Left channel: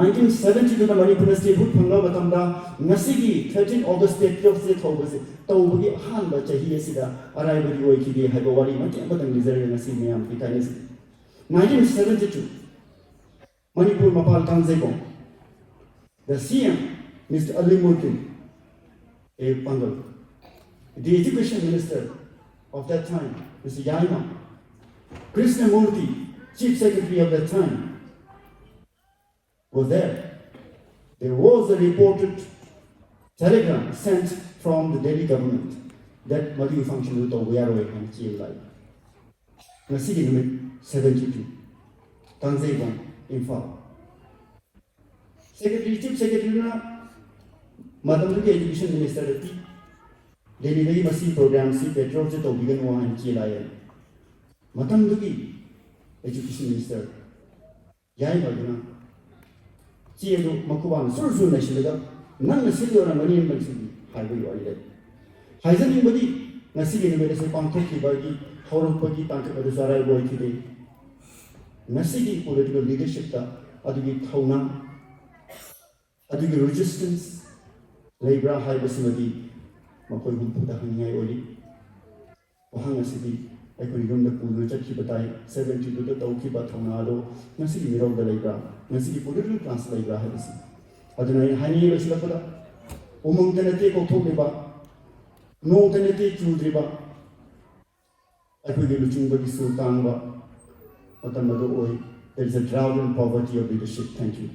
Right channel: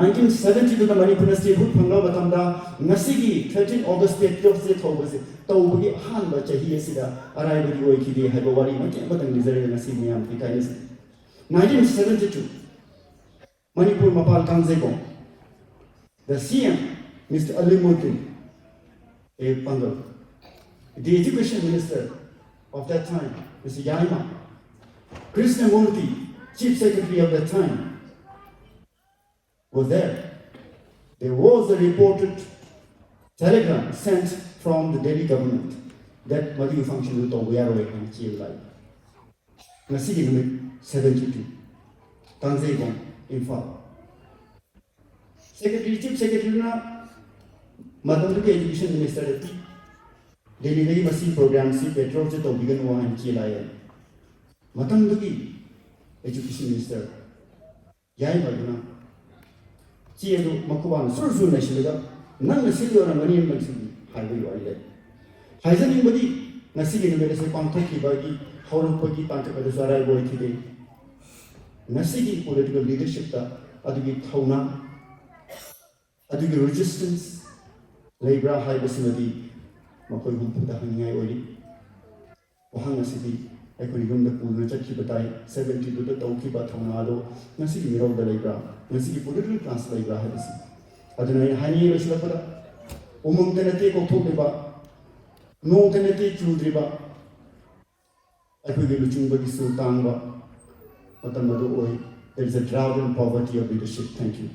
1970 da Manipur state hood phanga batamda Ngsigi 13 August state of state hobase tawbi han ba chahi asida arai ba oi ki ha ba wari mati batang dizare Ngsigi yam ki kai 1972 Manipur mapal kanzego the CM Mr. Alimotin a Pangal the education minister of that time Mr. YAIMA Krishnamurti chief secretary of that time was there. There was a reported telegram sent from the Delhi government that Manipur function with Owyarway and Chilai. Ngsigi number 72. Tanzania, Info. Chief Secretary na Madam Education Minister Delhi में मसीह program से petrol से तो begin वहाँ Chilai. Madam Education Minister YAIMA na Chiado Makuan, Surzu Nashida, none the Silver and Money Nixon, Highway or dead. Has anybody Nassi in the medicine contact by Holopati Pantasarai boy today? Nassi political leadership, Adugi Thouna, Adugi resistance, Labra High Basimadi, Makoy Putahani Oli, Ohana City. I could even the Puna Leikhiba 70 to the Leikhiba Thouna Adumna Ngsigi da Leikhiba Ngsigi political class Leikhiba has. Adunai Hani was level. Tenate go to no tenate to I could give you the Sultan, but there is a drought and poverty of leadership. Thank you.